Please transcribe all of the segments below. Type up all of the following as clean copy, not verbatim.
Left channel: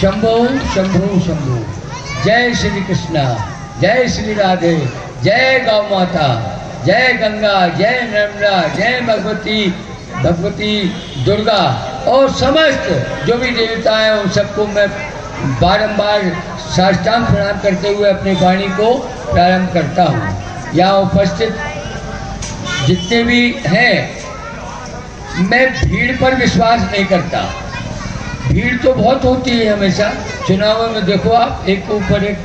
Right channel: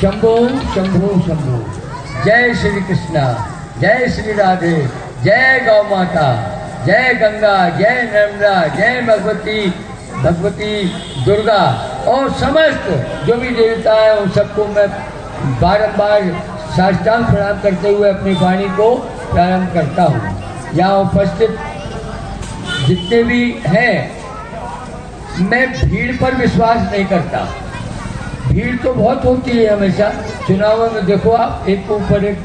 शंभो शंभो शंभो। जय श्री कृष्णा, जय श्री राधे, जय गौ माता, जय गंगा, जय नर्मदा, जय भगवती दुर्गा और समस्त जो भी देवता हैं उन सबको मैं बारंबार साष्टांग प्रणाम करते हुए अपनी वाणी को प्रारंभ करता हूँ। यहाँ उपस्थित जितने भी हैं, मैं भीड़ पर विश्वास नहीं करता। भीड़ तो बहुत होती है हमेशा चुनावों में। देखो आप, एक के ऊपर एक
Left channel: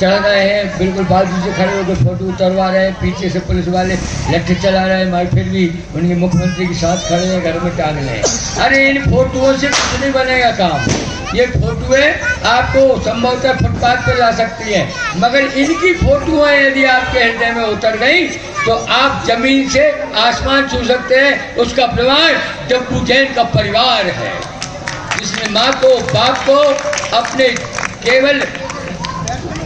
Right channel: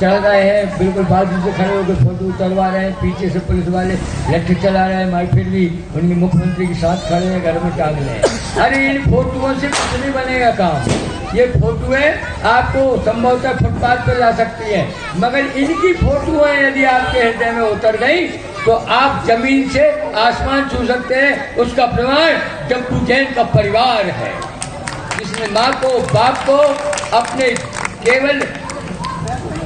चढ़ रहे हैं, बिल्कुल बाजू से खड़े होकर फोटो उतरवा रहे हैं, पीछे से पुलिस वाले लट्ठी चला रहे हैं, मगर फिर भी उनके मुख्यमंत्री के साथ खड़े हैं, घर में टांग रहे हैं। अरे इन फोटोओं से कुछ नहीं बनेगा काम। ये फोटोएं आपको संभवतः फुटपाथ पर ला सकती है, मगर इनकी फोटोएं यदि आपके हृदय में उतर गई तो आप जमीन से आसमान छू सकते हैं। उसका प्रमाण डब्बू जैन का परिवार है, जिसने माँ को बाप को अपने केवल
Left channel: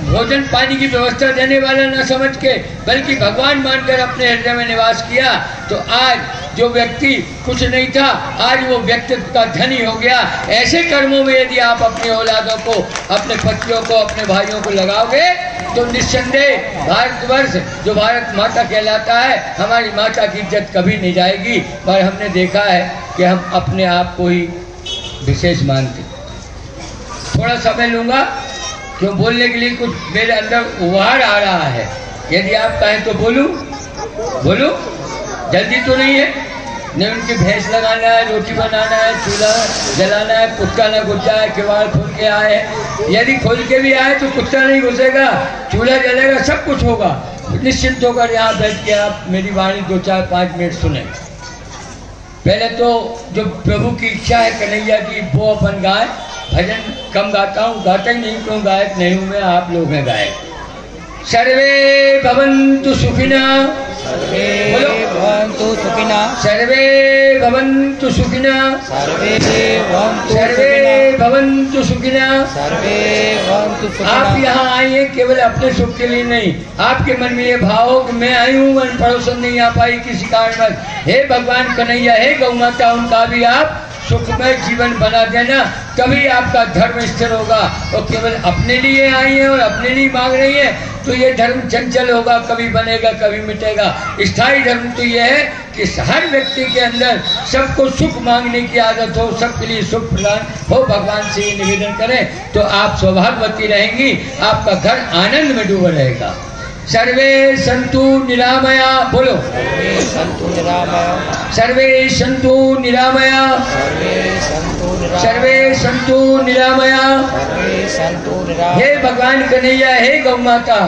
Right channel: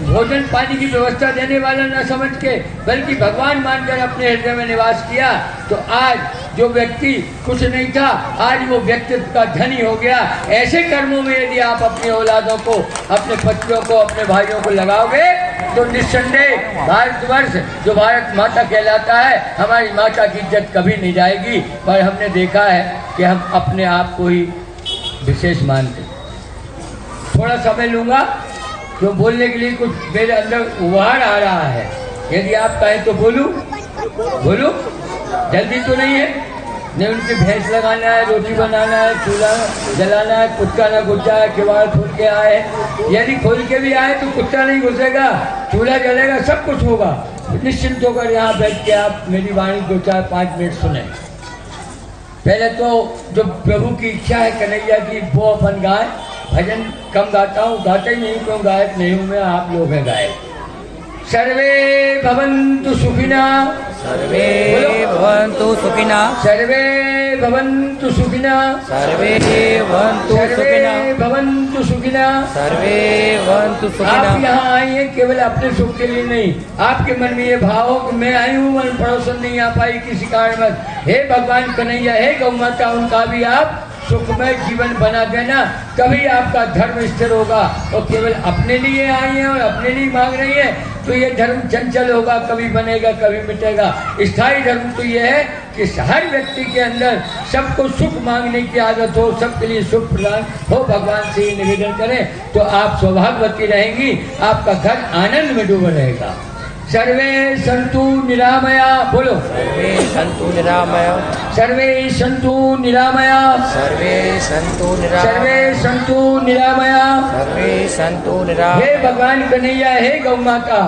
भोजन पानी की व्यवस्था देने वाला न समझ के बल्कि भगवान मानकर अपने हृदय में निवास किया। तो आज जो व्यक्ति कुछ नहीं था, आज वो व्यक्तित्व का धनी हो गया। ऐसे कर्मों में यदि आप अपनी औलादों को, अपने पतियों को, अपने भाइयों को लगाओगे तो निस्संदेह भारतवर्ष जो भारत माता कहलाता है, हमारी माता की इज्जत कभी नहीं जाएगी। पर हमने देखा है कि हम अपने आप को ही विशेष मानते। थोड़ा समय लूँगा क्यों बोलने के लिए, कुछ मेरे अंदर उभार आ रहा है। यदि आप कहें तो बोलूं, जल्दी तो नहीं है। नहीं उनकी भैंस लगाना है, रोटी बनाना है, चूल्हा जलाना है, कुत्ता ना घुस जाए, किवाड़ खोल के आए। यदि खोल के भी आए तो कुत्ता नहीं घुसेगा, चूल्हा जलेगा, सब कुछ होगा। निश्चिंत होकर यहाँ बैठ के आप मेरी वाणी 2, 4, 5 मिनट सुने। पहले तो जो प्रभु की इच्छा है कन्हैया की, वो अपन गाय। भजन कम गाता हूँ, गाता ही नहीं, क्यों गायक नहीं हूँ मैं, आप लोग हैं गायक। सर्वे भवन्तु सुखिना, सर्वे भवन्तु सुखिना, सर्वे भवन्तु सुखिना, सर्वे भवन्तु सर्वे सुखिना, भवन्तु सुखिना। सर्वे भवन्तु आप सुखिना। यहाँ आई हैं केवल अपने सुख के लिए नहीं, आपके मन में ये भाव हो कि मैं आई हूँ, मन पड़ोसन नहीं आ पाई किसी कारणवश, हे भगवान कन्हैया, हे गौ माता, उनका भी आप सुखमय जीवन बना देना, तभी आपका धर्म स्थिर होगा। और केवल अपने लिए आई है और अपने लिए मांग रही है तो ये धर्म चंचल होगा, कभी बनेगा कभी मिटेगा। स्थायी धर्म तो ये है कि हर व्यक्ति के अंदर सबको सुख मांगने की आदत हो, सबके लिए सुख प्रदान हो। भगवान से ये निवेदन करें तो आप सौभाग्यवती रहेंगी, आपका घर आनंद में डूबा रहेगा। सर्वे संतु निरामया, बोलो सर्वे सन्तु निरामया, सर्वे संतु निरामया, सर्वे सन्तु सर्वे निरामया, संतु निरामया। सर्वे सन्तु हे निरामया। भगवान कन्हैया, हे गौ माता,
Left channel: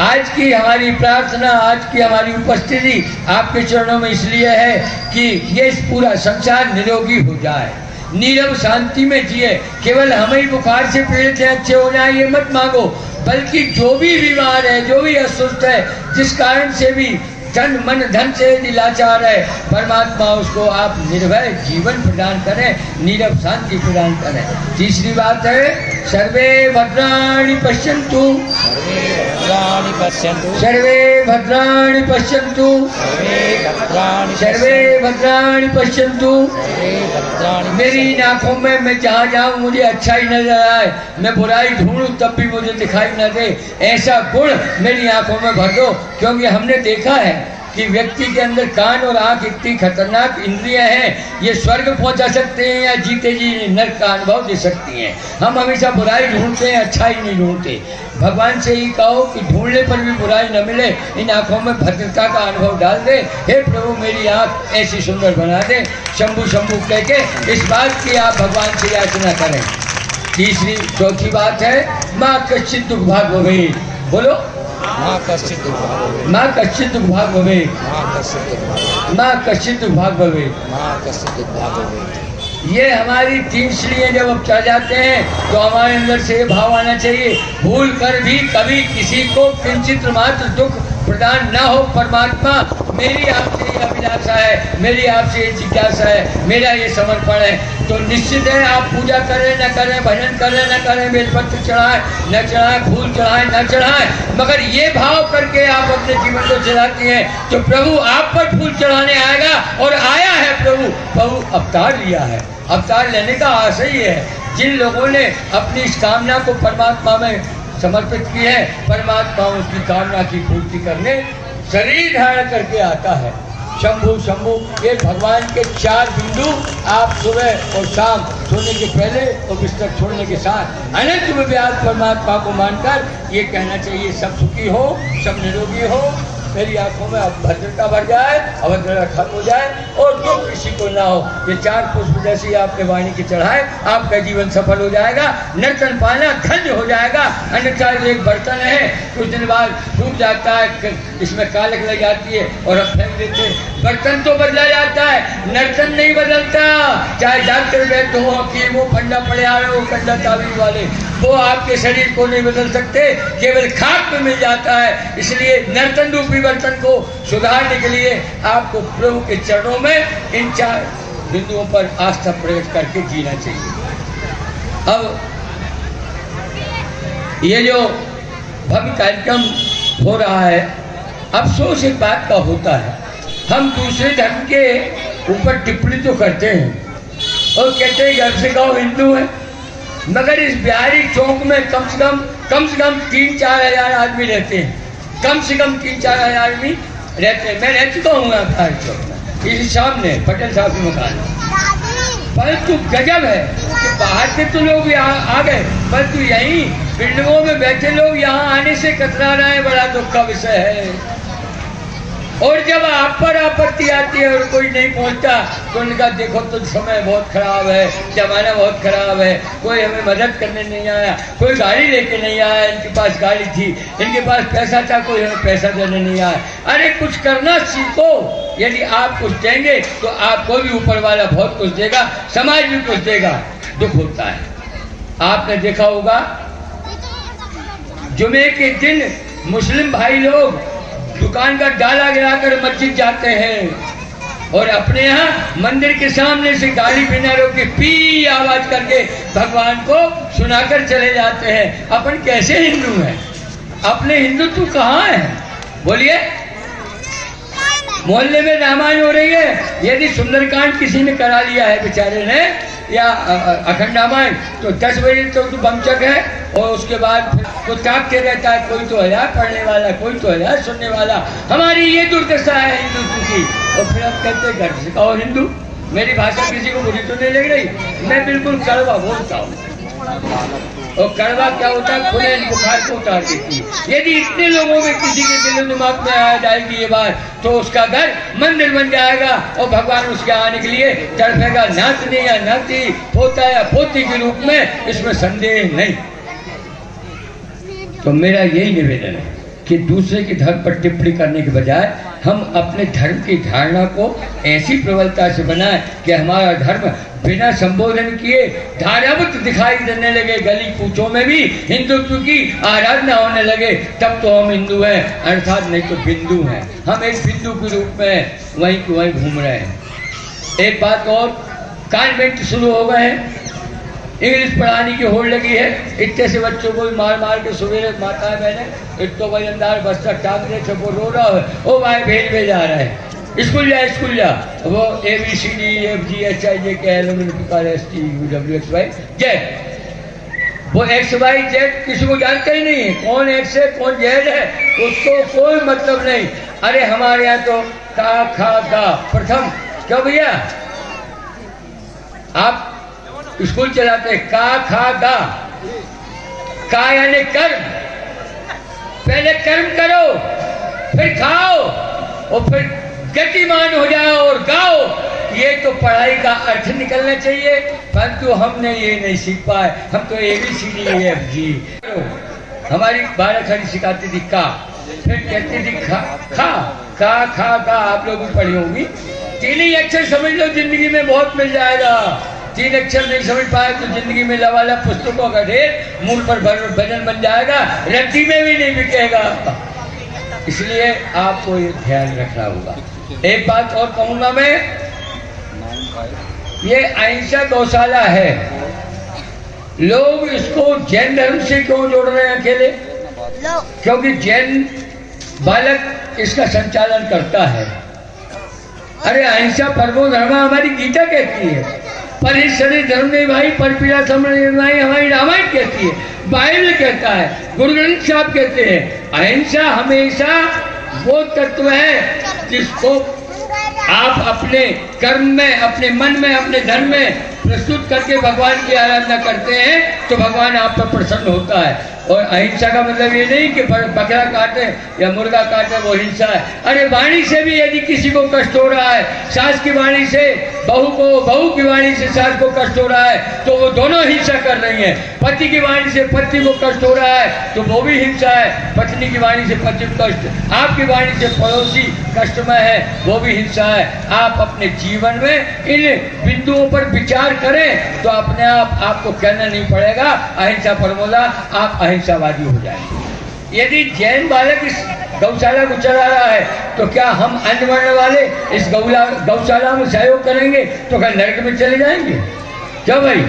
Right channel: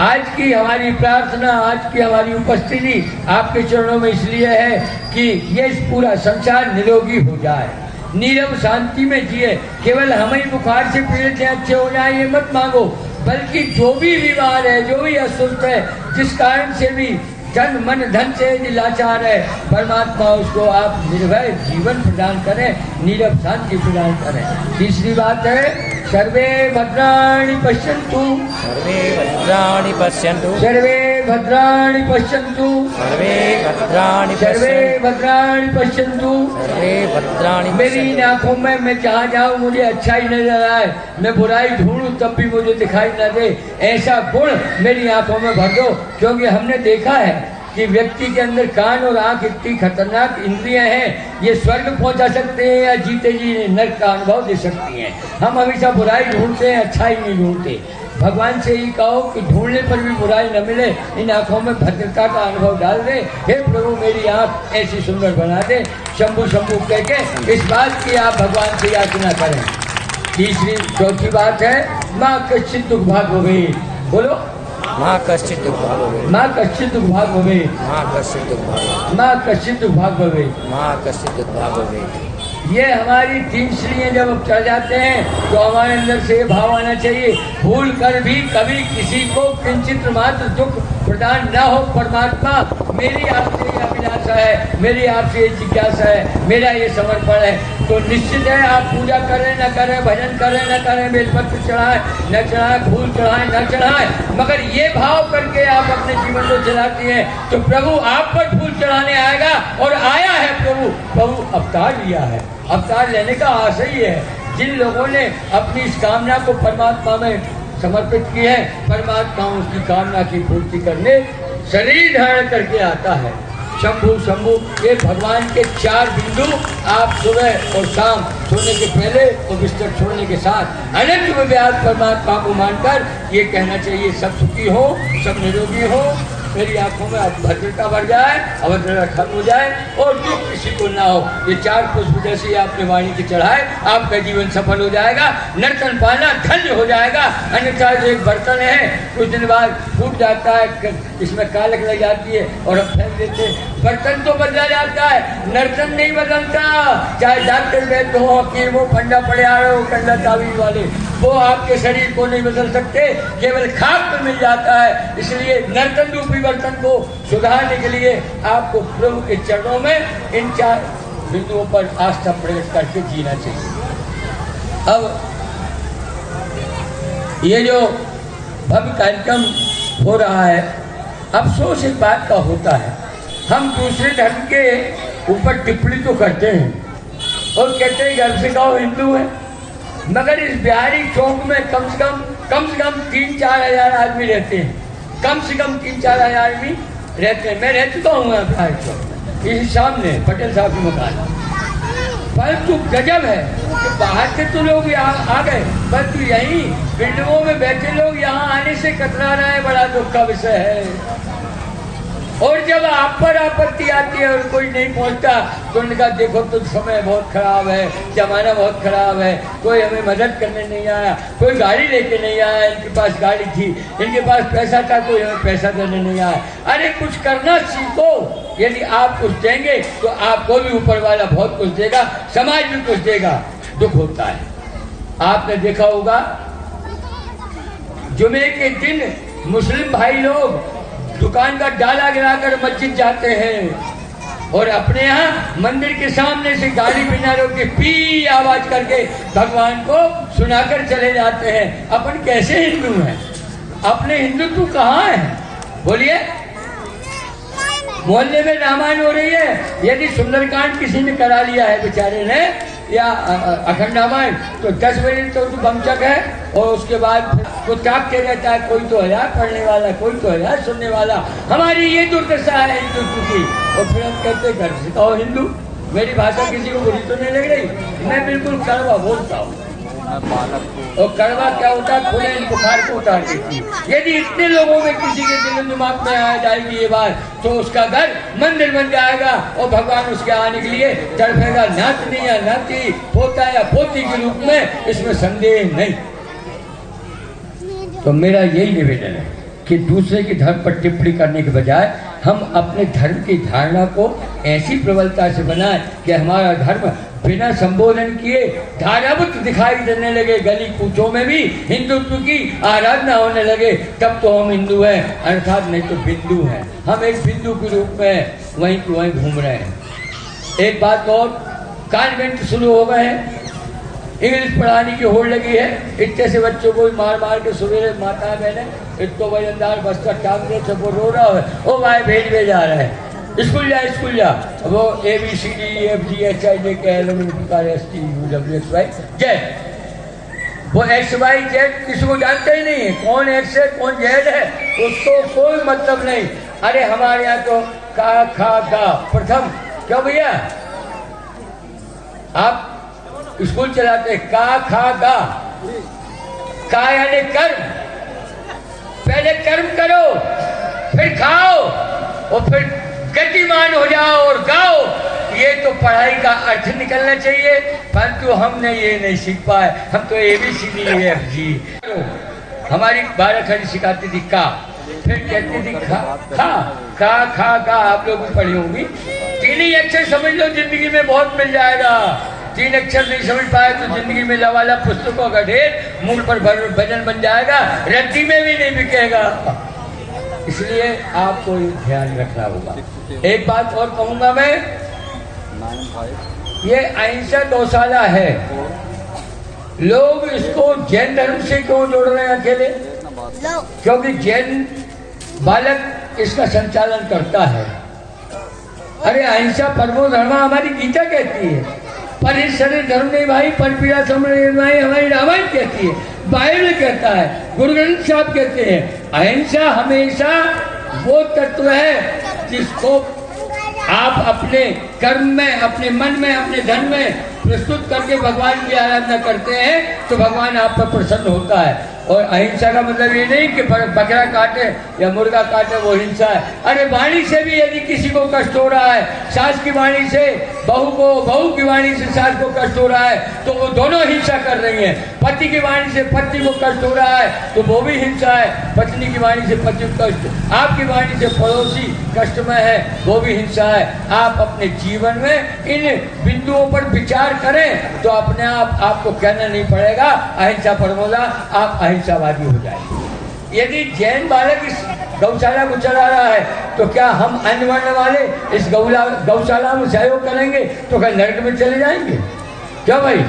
आज की हमारी प्रार्थना, आज की हमारी उपस्थिति आपके चरणों में इसलिए है कि ये पूरा संसार निरोगी हो जाए, नीरव शांति में जिए। केवल हम ही बुखार से पीड़ित हैं, अच्छे हो जाए ये मत मांगो, बल्कि जो भी बीमार है, जो भी अस्वस्थ है, जिस कारण से भी तन मन धन से यदि लाचार है, परमात्मा उसको आप निर्भय जीवन प्रदान करें, नीरव शांति प्रदान करें। तीसरी बात है सर्वे भद्राणि पश्यन्तु, सर्वे भद्राणि पश्यन्तु, सर्वे भद्राणि पश्यन्तु, सर्वे भद्राणि सर्वे पश्यन्तु, भद्राणि पश्यन्तु। सर्वे भद्राणि मेरी इन पश्यन्तु। आंखों में मैं जहाँ जाऊँ मुझे अच्छा ही नजर आए, मैं बुराई ढूंढूं तब भी मुझे दिखाई न दे, ऐसा गुण मेरी आंखों में भर दो। क्योंकि हमने देखा है कि व्यक्ति के अंदर कान और आंख इतनी खतरनाक इंद्रियां हैं, ये स्वर्ग पहुंचा सकते हैं या जीते जी नरक का अनुभव दे सकती हैं। हम हमेशा बुराई ढूंढते हैं, अच्छा ही नहीं ढूंढते। भगवान से ही कहो कि ढूंढने पर भी बुराई न मिले, इन आंखों में भद्रता का अनुभव डाल दे। हे प्रभु मेरी आंख ऐसी सुंदर बना दे, शंभु शंभु कह के इस बात की आप भगवान से याचना करें। तीसरी चौथी बात है माँ कश्चित दुख भाग हो गई, बोलो माँ कश्चित् दुर्भाग्यो भवेत्, माँ कश्चित दुख भाग हो गई, माँ कश्चित् दुर्भाग्यो भवेत्, माँ कश्चित दुख भाग हो गई। माँ कश्चित् दुर्भाग्यो भवेत्। ये हमारी 3 श्रीएं जब अब चढ़ जाते हैं तो हमारे अंदर से ये भाव आना चाहिए, भूल कर भी कभी किसी को किंचित मात्र दुख प्रदान न हो। परमात्मा मेरी आपसे ये अभिलाषा है, मेरी आपसे ये जिज्ञासा है, मेरा ये समर्पण है। तो निश्चित है आप पूजा करें न करें, भजन करें न करें, बेलपत्र चढ़ाएं न चढ़ाएं, फूल चढ़ाएं न चढ़ाएं, मगर ये भाव करके आप अपने जीवन को चलाती हैं तो प्रभु आप पर फूल चढ़ाने आएगा। और आया है प्रभु अवतार लिया है, अवतार लेने का आशय ही है जिन लोगों ने अपनी इस कामना को परमात्मा में समर्पित की है, परमात्मा उसकी कामना की पूर्ति करने शरीर धारण करके आता है। शंभु शंभु, ये भगवान के 4 बिंदु आप सुबह और शाम सोने के पहले और बिस्तर छोड़ने के साथ अनंत व्यास परमात्मा को मानकर ये कहना चाहिए, सब सुखी हो, सब निरोगी हो, मेरी आंखों में भद्रता बढ़ जाए, अभद्रता खत्म हो जाए और दुख किसी को ना हो। ये 4 पुष्प जैसे आपने वाणी के चढ़ाए, आपका जीवन सफल हो जाएगा, नर्तन पाना धन्य हो जाएगा। अन्यथा एक बर्तन है, कुछ दिन बाद टूट जाता है, इसमें कालक लग जाती है और हम फेंक देते हैं। बर्तन तो बदला जाता है, नर्तन नहीं बदलता। चाहे डॉक्टर बैठे हो, हकीम हो, फंडा पड़े आ रहे हो, कंडा तावीज वाले, वो आपके शरीर को नहीं बदल सकते, केवल खाक में मिल जाता है। इसलिए नर्तन रूपी बर्तन को सुधारने के लिए आपको प्रभु के चरणों में इन 4 बिंदुओं पर आस्था प्रकट करके जीना चाहिए। अब ये जो भव्य कार्यक्रम हो रहा है, अफसोस एक बात का होता है, हम दूसरे धर्म के ऊपर टिप्पणी तो करते हैं और कहते हैं घर से गाँव हिंदू है, मगर इस बिहारी चौक में कम से कम 3-4 हजार आदमी रहते हैं, कम से कम 3-4 हजार आदमी रहते हैं। मैं रह चुका हूँ बिहारी चौक में, इसी सामने पटेल साहब के मकान। परंतु गजब है कि बाहर के तो लोग यहाँ आ गए, परंतु यहीं बिल्डिंगों में बैठे लोग यहाँ आने से कतरा रहे हैं, बड़ा दुख का विषय है। और जब आप पर आपत्ति आती है और कोई नहीं पहुंचता तो उनका देखो तो समय बहुत खराब है, जमाना बहुत खराब है, कोई हमें मदद करने नहीं आया, कोई गाड़ी लेके नहीं आया, इनके पास गाड़ी थी, इनके पास पैसा था, कोई हमें पैसा देने नहीं आया। अरे कुछ करना सीखो, यदि आप कुछ देंगे तो आपको भी ऊपर वाला बहुत कुछ देगा, समाज भी कुछ देगा। दुख होता है, आपने देखा होगा जुमे के दिन मुस्लिम भाई लोग दुकान का डाला गिराकर मस्जिद जाते हैं और अपने यहाँ मंदिर के सामने से गाड़ी बिना रोके पी आवाज करके भगवान को सुनाकर चले जाते हैं। अपन कैसे हिंदू हैं? अपने हिंदुत्व कहाँ है? बोलिए। मोहल्ले में रामायण हो रही है, यदि सुंदरकांड किसी ने करा लिया है बेचारे ने या अखंड रामायण, तो 10 बजे तो बमचक है और उसके बाद कुछ कांपते रहता है, कोई तो हजार पढ़ने वाला, कोई तो हजार सुनने वाला। हमारी ये दुर्दशा है हिंदुत्व की। और फिर हम कहते घर से कहो हिंदू। मेरी भाषा किसी को बुरी तो नहीं लग रही, मैं बिल्कुल कड़वा बोलता हूँ। और कड़वा क्या होता है? खुले बुखार को उतार देती है। यदि इतने लोगों में किसी के दिल दिमाग में आ जाएगी ये बात, तो उसका घर मंदिर बन जाएगा और भगवान उसके आने के लिए तड़पेगा, नाचने या नाती, पोता या पोती के रूप में, इसमें संदेह नहीं। तो मेरा यही निवेदन है कि दूसरे के धर्म पर टिप्पणी करने के बजाय हम अपने धर्म की धारणा को ऐसी प्रबलता से बनाएं कि हमारा धर्म बिना संबोधन किए धारावत दिखाई देने लगे, गली कूचों में भी हिंदुत्व की आराधना होने लगे, तब तो हम हिंदू हैं, अर्थात नहीं तो बिंदु हैं। हम एक बिंदु के रूप में वहीं की वहीं घूम रहे हैं। एक बात और, कॉन्वेंट शुरू हो गए हैं, इंग्लिश पढ़ाने की होड़ लगी है, इतने से बच्चों को मार मार के सवेरे माता है मैंने एक तो वजनदार बस्ता टांग दे, वो रो रहा है, ओ भाई भेज भेजा रहे हैं, स्कूल जा। वो ABCDEFGHIJKLMNOPQRSTUWXY जय, वो XYZ किसी को जानता ही नहीं है, कौन एक्स है कौन जेड है, उसको कोई मतलब नहीं। अरे हमारे यहाँ तो का खा गा प्रथम, क्या भैया आप स्कूल चलाते, का खा गा, का यानी कर्म, पहले कर्म करो फिर खाओ और फिर गतिमान हो जाओ और गाओ। ये तो पढ़ाई का अर्थ निकलना चाहिए, परंतु हमने ये नहीं सीख पाए। हम तो ABCDEFG, हमारी भारत हरी सिखाती थी का, फिर कहती थी खा खा का खा का, आप लोग भी पढ़ी होंगी। 3 ही अक्षर समझ लो, जिंदगी में बहुत मिल जाएगा। 3 अक्षर नहीं समझ पाए तो जिंदगी में लवाला पुस्तकों का ढेर, मूल पर भजन बन जाएगा, रद्दी में भी नहीं बिकेगा। इसलिए आपको ये ध्यान रखना होगा। एक बात और कहूंगा मैं, ये अहिंसा गौशाला है, लोग इसको जैन धर्म से क्यों जोड़ रहे हैं अकेले? क्योंकि जैन बालक इसका संचालन करता है। अरे अहिंसा परमो धर्म हमारी गीता कहती है, पर इस शरीर धर्म नहीं भाई, पर पीड़ा समझ भाई, हमारी रामायण कहती है, बाइबल कहता है, गुरु ग्रंथ साहब कहते हैं, अहिंसा हमेशा वो तत्व है जिसको आप अपने कर्म में, अपने मन में, अपने धन में प्रस्तुत करके भगवान की आराधना करते हैं तो भगवान आप पर प्रसन्न होता है। और अहिंसा का मतलब ये नहीं कि बकरा काटे या मुर्गा काटे वो हिंसा है। अरे वाणी से भी यदि किसी को कष्ट हो रहा है, सास की वाणी से बहू को, बहू की वाणी से सास को कष्ट हो रहा है तो वो दोनों हिंसा कर रही हैं। पति की वाणी से पति को कष्ट हो रहा है तो वो भी हिंसा है। पत्नी की वाणी से पति को कष्ट, आपकी वाणी से पड़ोसी कष्ट में है वो भी हिंसा है। आप अपने जीवन में इन बिंदुओं पर विचार करें तो अपने आप आपको कहना नहीं पड़ेगा अहिंसा परमोला, आप अहिंसावादी हो जाएंगे। यदि जैन बालक इस गौशाला को चला रहा है तो क्या हम अन्य वर्ण वाले इस गौशाला में सहयोग करेंगे तो क्या नरक में चले जाएंगे? क्या भाई?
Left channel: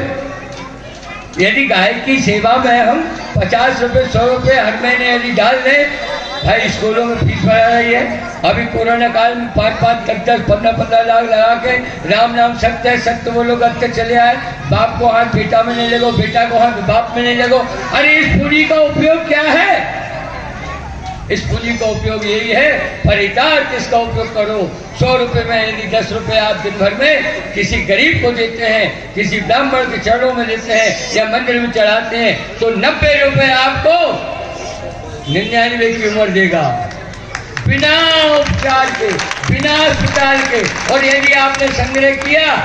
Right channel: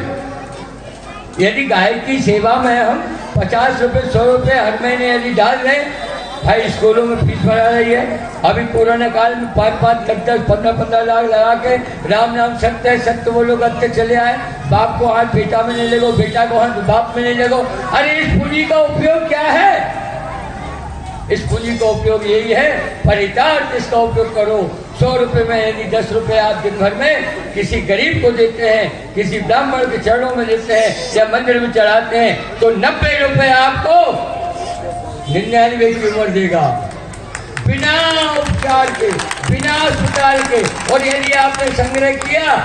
यदि गाय की सेवा में हम 50 रुपये 100 रुपये हर महीने यदि डाल दें, भाई स्कूलों में फीस बढ़ा रही है, अभी कोरोना काल में 5-5, 10-10, 15-15 लाख लगा के राम नाम सत्य है, सत्य वो लोग अब तक चले आए। बाप को हाथ बेटा में नहीं लगो, बेटा को हाथ बाप में नहीं लगो। अरे इस पूंजी का उपयोग क्या है? इस पूंजी का उपयोग यही है, परितार्थ इसका उपयोग करो। 100 रुपये में यदि 10 रुपये आप दिन भर में किसी गरीब को देते हैं, किसी ब्राह्मण के चरणों में देते हैं या मंदिर में चढ़ाते हैं तो 90 रुपये आपको 99 की उम्र देगा, बिना उपचार के, बिना अस्पताल के। और यदि आपने संग्रह किया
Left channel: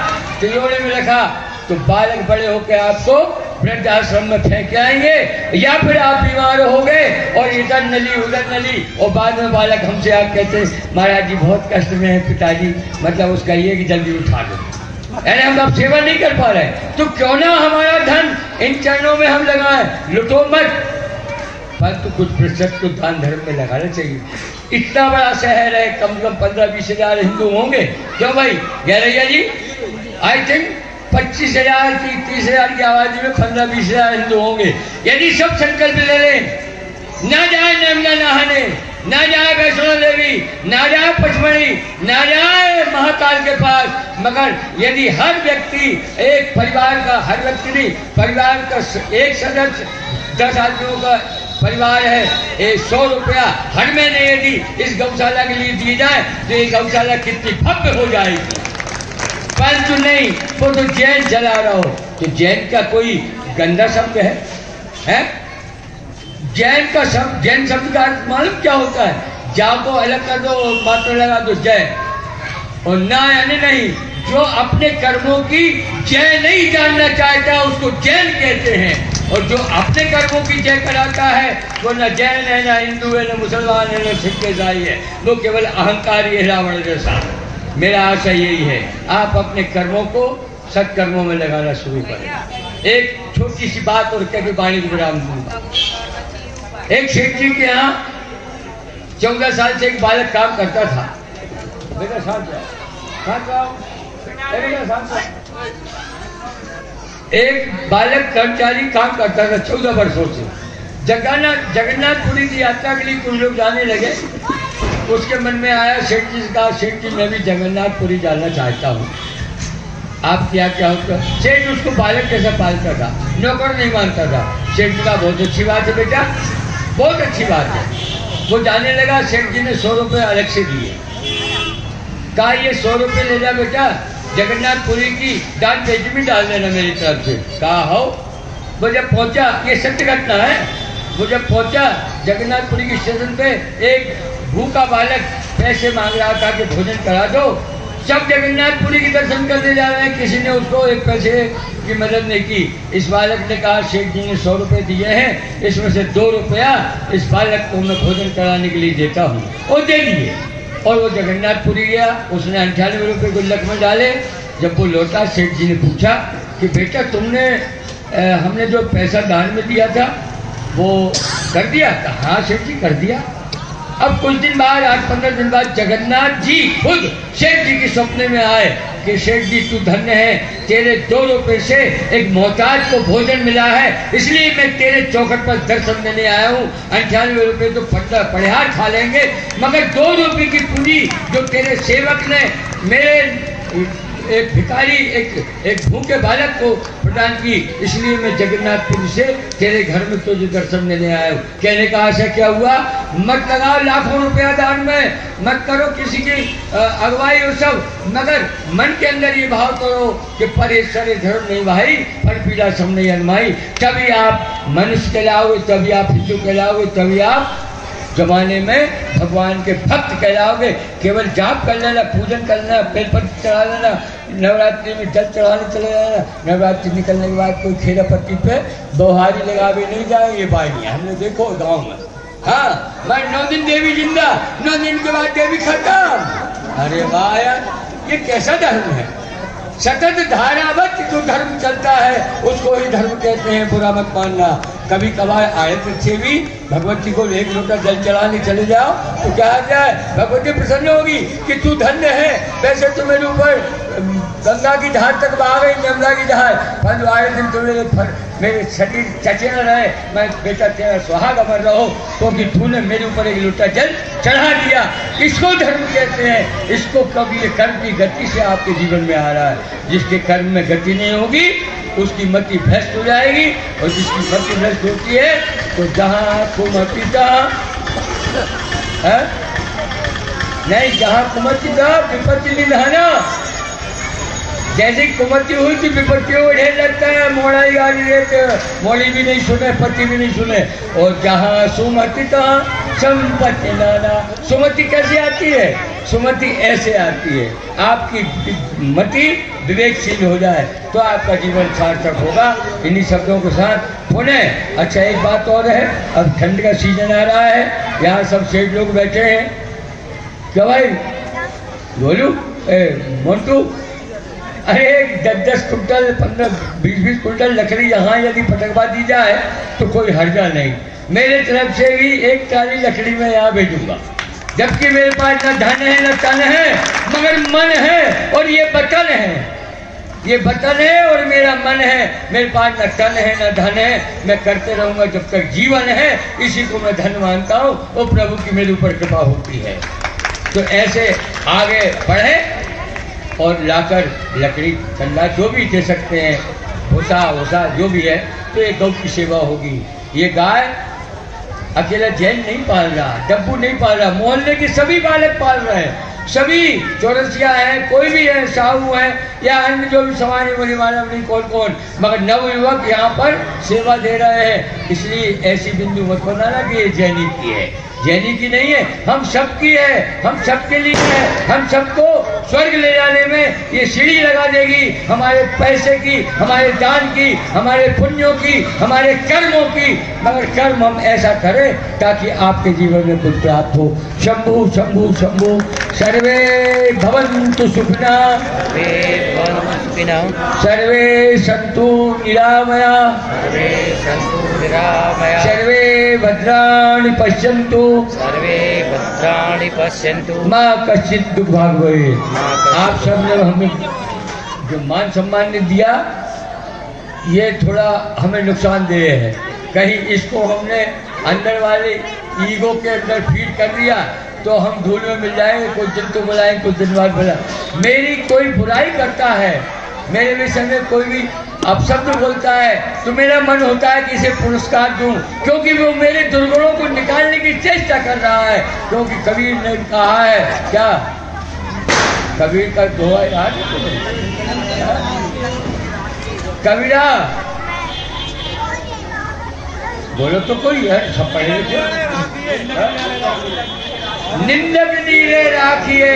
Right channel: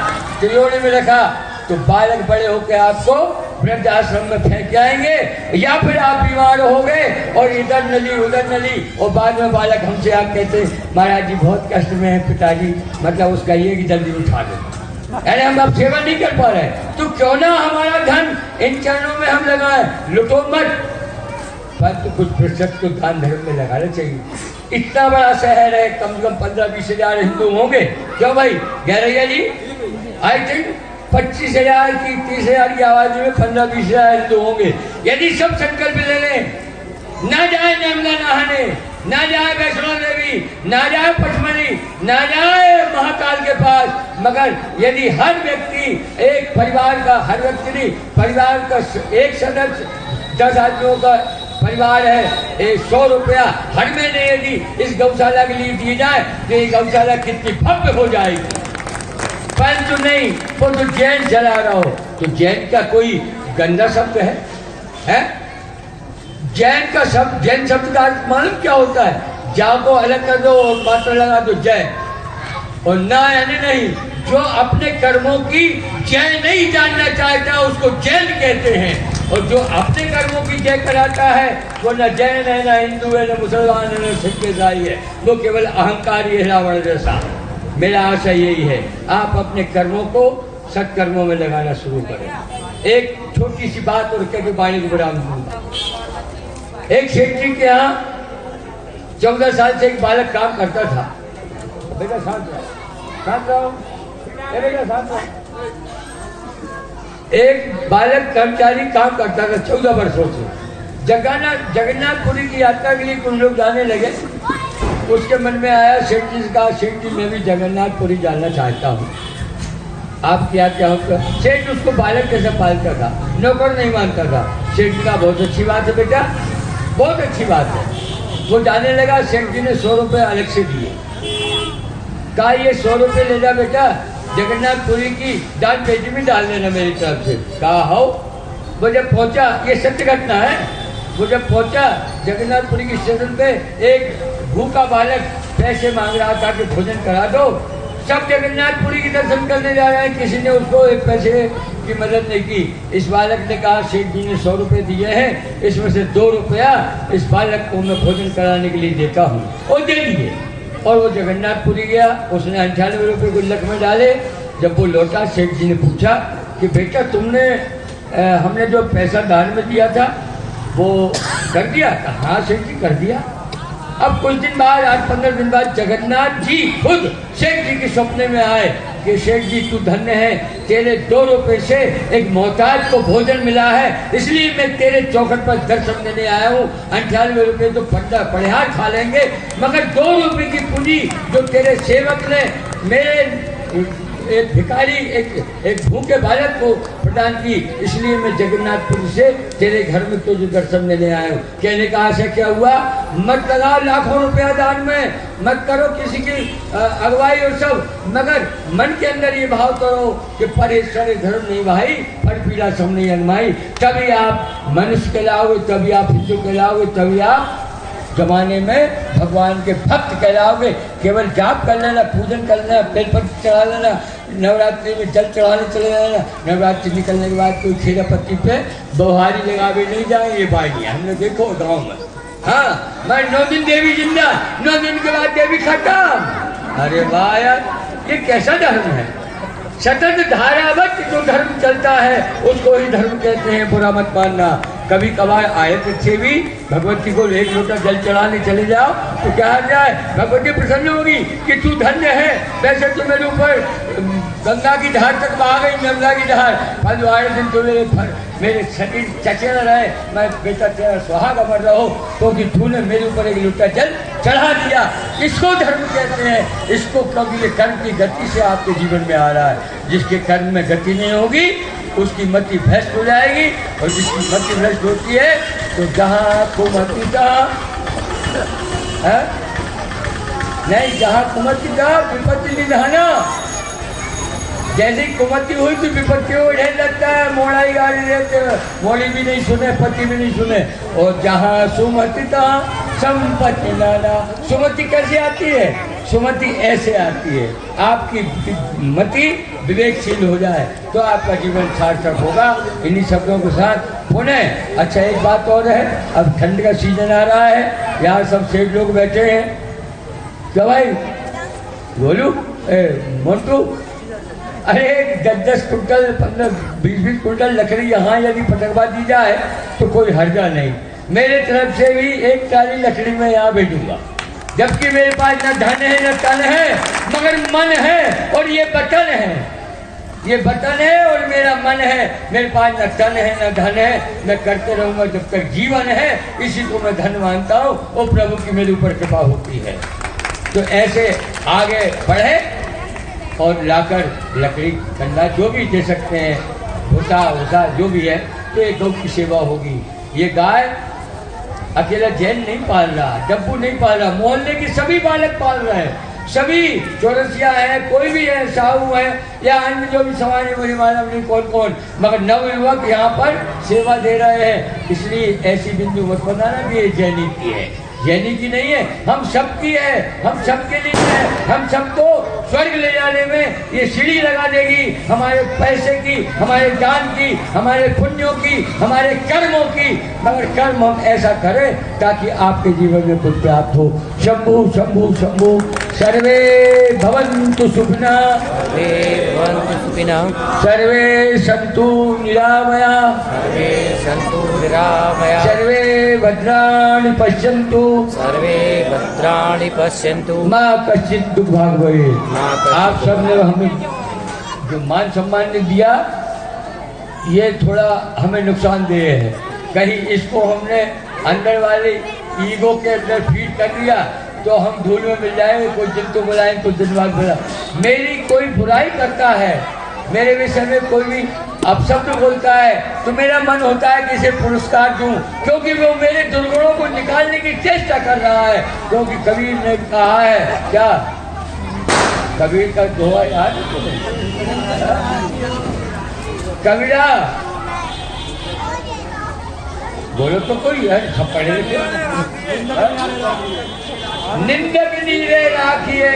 तिजोरी में रखा तो बालक बड़े होकर आपको वृद्ध आश्रम में फेंक आएंगे, या फिर आप बीमार हो गए और इधर नली उधर नली और बाद में बालक हमसे आप कहते महाराज जी बहुत कष्ट में है पिताजी, मतलब उसका ये कि जल्दी उठा दो। अरे हम आप सेवा नहीं कर पा रहे तो क्यों ना हमारा धन इन चरणों में हम लगाएं, लुटो मत, परंतु कुछ प्रतिशत को दान धर्म में लगाना चाहिए। इतना बड़ा शहर है, कम से कम 15-20 हजार हिंदू होंगे। क्यों भाई गैरैया जी? आई थिंक 25,000 की 30,000 की आबादी में 15-20 हजार हिंदू होंगे। यदि सब संकल्प ले लें, ना जाए नर्मदा नहाने, ना जाए वैष्णो देवी, ना जाए पचमढ़ी, ना जाए महाकाल के पास, मगर यदि हर व्यक्ति एक परिवार का, हर व्यक्ति नहीं, परिवार का एक सदस्य 10 आदमियों का परिवार है, 100 रुपया हर महीने यदि इस गौशाला के लिए दी जाए तो ये गौशाला कितनी भव्य हो जाएगी। परंतु नहीं, वो तो जैन जला रहा हो तो जैन का कोई गंदा शब्द है? जैन का शब्द, जैन शब्द का अर्थ मालूम क्या होता है? जा को अलग कर दो, मात्र लगा दो जैन, और ना यानी नहीं। जो अपने कर्मों की जय नहीं जानना चाहता उसको जैन कहते हैं, और जो अपने कर्मों की जय कराता है वो न जैन है, न हिंदू है, न मुसलमान है, न सिख ईसाई है, वो केवल अहंकारी है, रावण जैसा। मेरा आशय यही है, आप अपने कर्मों को सत्कर्मों में लगाना शुरू करें। एक छोटी सी बात और कभी वाणी को विराम दूंगा। एक सेठ जी के यहाँ 14 साल से एक बालक काम करता था। बेटा एक बालक कर्मचारी काम करता था 14 वर्षों से। जगन्नाथपुरी की यात्रा के लिए कुछ लोग जाने लगे। उसके मन में आया सेठ जी का, सेठ जी मैं भी जगन्नाथपुरी जाना चाहता हूँ, आप क्या होता? सेठ उसको बालक जैसा पालता था, नौकर नहीं मानता था। सेठ जी का बहुत अच्छी बात है बेटा, बहुत अच्छी बात है। वो जाने लगा, सेठ जी ने 100 रुपये अलग से दिए, कहा ये 100 रुपये ले जा बेटा, जगन्नाथपुरी की दान पेटी में डाल देना मेरी तरफ से। कहा हो। वो जब पहुंचा, ये सत्य घटना है, वो जब पहुंचा जगन्नाथपुरी के स्टेशन पे, एक भूखा बालक पैसे मांग रहा था कि भोजन करा दो। सब जगन्नाथपुरी के दर्शन करने जा रहे हैं, किसी ने उसको एक पैसे की मदद नहीं की। इस बालक ने कहा सेठ जी ने 100 रुपये दिए हैं, इसमें से 2 रुपया इस बालक को मैं भोजन कराने के लिए देता हूँ। वो दे दिए और वो जगन्नाथपुरी गया, उसने 98 रुपये गुल्लक में डाले। जब वो लौटा, सेठ जी ने पूछा कि बेटा तुमने हमने जो पैसा दान में दिया था वो कर दिया? हाँ सेठ जी कर दिया। अब कुछ दिन बाद, 8-15 दिन बाद जगन्नाथ जी खुद सेठ जी के सपने में आए कि सेठ जी तू धन्य है, तेरे 2 रुपये से एक मोहताज को भोजन मिला है, इसलिए मैं तेरे चौखट पर दर्शन देने आया हूँ। 98 रुपये तो पढ़ियार खा लेंगे, मगर 2 रुपये की पूंजी जो तेरे सेवक ने मेरे एक भिखारी एक भूखे बालक को प्रदान की। इसलिए मैं जगन्नाथपुरी से तेरे घर में तुझे दर्शन देने आया हूँ। कहने का आशा क्या हुआ, मत लगाओ लाखों रुपया दान में, मत करो किसी की अगुवाई और सब, मगर मन के अंदर ये भाव करो कि परेश्वर धर्म नहीं भाई, पर पीड़ा सब नहीं अनमाई। तभी आप मनुष्य कहलाओगे, तभी आप शिशु कहलाओगे, तभी आप जमाने में भगवान के भक्त कहलाओगे। केवल जाप कर लेना, पूजन कर लेना, बेलपत्र चढ़ा लेना, नवरात्रि में जल चढ़ाने चले जाना, नवरात्रि निकलने के बाद कोई खेरा पत्ती पे बोहारी लगावे नहीं जाएंगे भाई, हमने देखो गांव में। हाँ, मैं 9 दिन देवी जिंदा, 9 दिन के बाद देवी खत्म। अरे वाह यार, ये कैसा धर्म है। सतत धारावत जो धर्म चलता है उसको ही धर्म कहते हैं, बुरा मत मानना। कभी कभार आयत से भी भगवती को 1 लोटा जल चढ़ाने चले जाओ तो क्या आ जाए, भगवती प्रसन्न होगी कि तू धन्य है। वैसे तो मेरे ऊपर गंगा की धार तक बहा गई, नर्मदा की धार, पर आए दिन तो मेरे शरीर चचे न रहे, मैं बेटा तेरा सुहाग अमर रहो, क्योंकि तूने मेरे ऊपर 1 लोटा जल चढ़ा दिया। इसको धर्म कहते हैं। इसको कभी ये कर्म की गति से आपके जीवन में आ रहा है। जिसके कर्म में गति नहीं होगी उसकी मति भ्रष्ट हो जाएगी, और जिसकी मति भ्रष्ट होती है तो जहाँ कुमति तहाँ नहीं, जहाँ कुमति तहाँ विपत्ति निधाना। जैसी कुमति हुई तो विपत्ति हो ढेर लगता है, मोड़ाई गाड़ी है तो मोड़ी भी नहीं सुने, पति भी नहीं सुने। और जहाँ सुमति तहाँ संपत्ति लाना। सुमति कैसे आती है, सुमति ऐसे आती है, आपकी मति विवेकशील हो जाए तो आपका जीवन सार्थक होगा। इन्हीं शब्दों के साथ पुनः अच्छा एक बात और है, अब ठंड का सीजन आ रहा है, यहाँ सब सेठ लोग बैठे हैं। क्या भाई बोलू मोटू, अरे 10-10 कुंटल 15-20 कुंटल लकड़ी यहाँ यदि पटकवा दी जाए तो कोई हर्जा नहीं। मेरे तरफ से भी 1 ट्राली लकड़ी में यहाँ भेजूंगा, जबकि मेरे पास न धन है न तन है, मगर मन है और ये वतन है। ये वतन है और मेरा मन है। मेरे पास न तन है न धन है, मैं करते रहूंगा जब तक जीवन है। इसी को मैं धन मानता हूँ और प्रभु की मेरे ऊपर कृपा होती है। तो ऐसे आगे बढ़े और लाकर लकड़ी ठंडा जो भी दे सकते हैं, भूसा जो भी है, तो ये गौ की सेवा होगी। ये गाय अकेला जैन नहीं पाल रहा, डब्बू नहीं पाल रहा, मोहल्ले के सभी बालक पाल रहे हैं। सभी चौरसिया है, कोई भी है, साहू है या अन्य जो भी समाज बोली मानव नहीं कौन, मगर नवयुवक यहाँ पर सेवा दे रहे हैं। इसलिए ऐसी बिंदु मत बनाना कि ये जैनी की है, जैनी की नहीं है, हम सबकी है, हम सबके लिए है। हम सबको स्वर्ग ले जाने में ये सीढ़ी लगा देगी, हमारे पैसे की, हमारे दान की, हमारे पुण्यों की, हमारे कर्मों की। मगर कर्म हम ऐसा करें ताकि आपके जीवन में कुछ प्राप्त हो। शंभु शंभु शंभु, सर्वे भवन्तु सुखिनः, सर्वे सन्तु निरामया, सर्वे भद्राणि पश्यन्तु, सर्वे भद्राणि पश्यन्तु, मां कश्चित् दुर्भाग् भवेत्। आप सब ने हमें जो मान सम्मान ने दिया, ये थोड़ा हमें नुकसानदेह है। कहीं इसको हमने अंदर वाले ईगो के अंदर फीड कर दिया तो हम धूल में मिल जाएंगे। कोई दिन तो बुलाएं, कोई दिन बाद बुलाएं। मेरी कोई बुराई करता है, मेरे विषय में कोई भी अपशब्द बोलता है तो मेरा मन होता है कि इसे पुरस्कार दूं, क्योंकि वो मेरे दुर्गुणों को निकालने की चेष्टा कर रहा है। क्योंकि कबीर ने कहा है, क्या कबीर का दोहा याद कबीरा बोलो तो कोई है, सब पढ़े लिखे। निंदक नीरे राखिए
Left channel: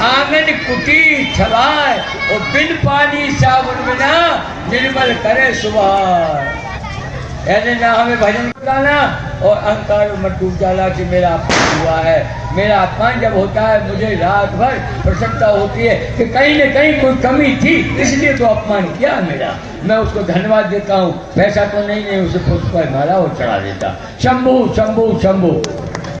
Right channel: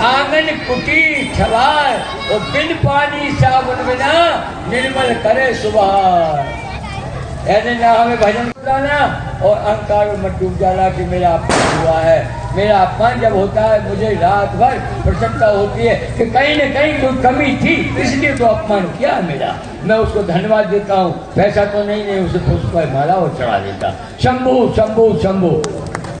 आंगन कुटी छलाए, और बिन पानी साबुन बिना निर्मल करे सुबह। ऐसे ना हमें भजन बताना और अहंकार मत डूब जाला कि मेरा अपमान हुआ है। मेरा अपमान जब होता है मुझे रात भर प्रसन्नता होती है कि कहीं न कहीं कोई कमी थी, इसलिए तो अपमान किया मेरा। मैं उसको धन्यवाद देता हूँ, पैसा तो नहीं उसे पुष्प माला और चढ़ा देता। शंभु शंभु शंभु।